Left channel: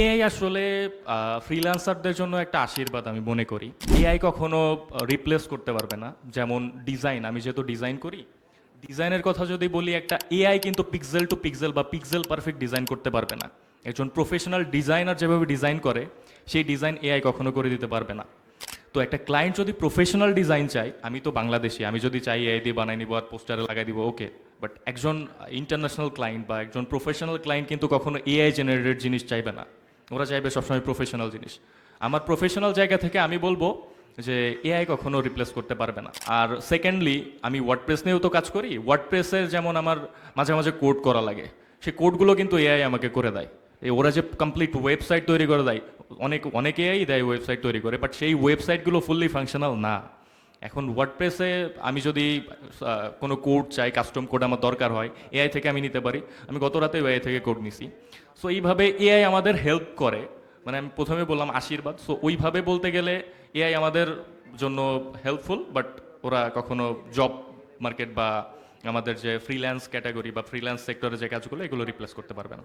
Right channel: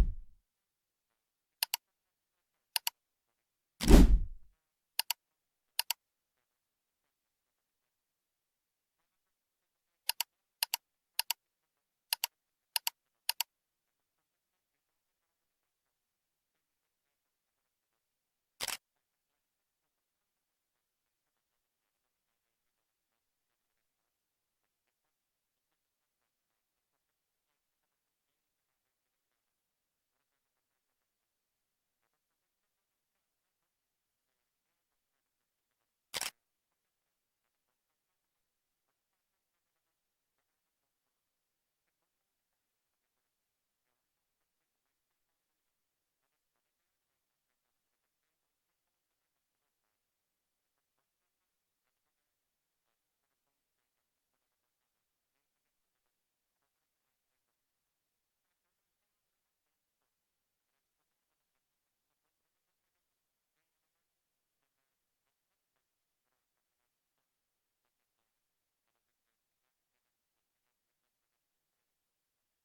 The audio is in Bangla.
এআই আসলে ফ্রিল্যান্সারদের জন্য একটা আশীর্বাদ আমি মনে করি। এআই কখনো রিপ্লেস করতে পারবে না। যেমন ডিজাইন আমি যেহেতু ডিজাইন করি ডিজাইনের কথা যদি বলি, একটা এআই কিন্তু পিক্সেল টু পিক্সেল বা পিক্সেল পারফেক্ট ডিজাইন করতে পারবে না। একজন প্রফেশনাল ডিজাইনার যেভাবে ডিজাইন করে, সেই ডিজাইন এআই কখনো করে দিতে পারবে না। তো একটা ক্লায়েন্ট যদি প্রফেশনাল ডিজাইন চাই আমি তো বাংলাদেশি, আমি যদি চাই এআই দিয়ে বানাই নিবো আর পোস্টারে লাগাই দিব ওকে বাট একজন ইন্টারন্যাশনাল ক্লায়েন্ট বা একজন প্রফেশনাল ক্লায়েন্ট কিন্তু কখনো এআই জেনারেটেড জিনিস চাইবে না। ওরা চাইবে সবসময় প্রফেশনাল জিনিস। আমার প্রফেশনাল জায়গা থেকে আমি বলব যে এআই কখনো রিপ্লেস করতে পারবে না। আর সেকেন্ডলি আমি ওয়ার্ডপ্রেস নিয়েও তো কাজ করি। ওয়ার্ডপ্রেসের যেমন আমার মাঝে মাঝে কোড করা লাগে, সেই কোডগুলো কিন্তু এআই আমাকে করে দেয়। এই ওরা যে কমপ্লিট ওয়েবসাইট তৈরি করে দেয়, অনেক অনেক এআই দেয় ওয়েবসাইট তৈরি করে বাট সেই ওয়েবসাইটগুলো ফুললি ফাংশনাল না। এখন ওয়ার্ডপ্রেসে আমি যদি কোনো কোড চাই কাস্টম কোড আমার দরকার হয় এআই থেকে আমি নিতে পারি। আমি গত রাতে এআই থেকে কোড নিছি। সো এইভাবে এআই আমাদের হেল্প করে। মানে আমি প্রথমে বললাম আশীর্বাদ। সো ওইভাবে বলতে গেলে এআই আমাদের জন্য হেল্পফুল বাট ওরা কখনো জব মার্কেট বা আমাদের যে ফ্রিল্যান্স ক্যাটাগরি বা ফ্রিল্যান্স সেক্টরে যে কাজগুলো, এগুলো রিপ্লেস করতে পারবে না।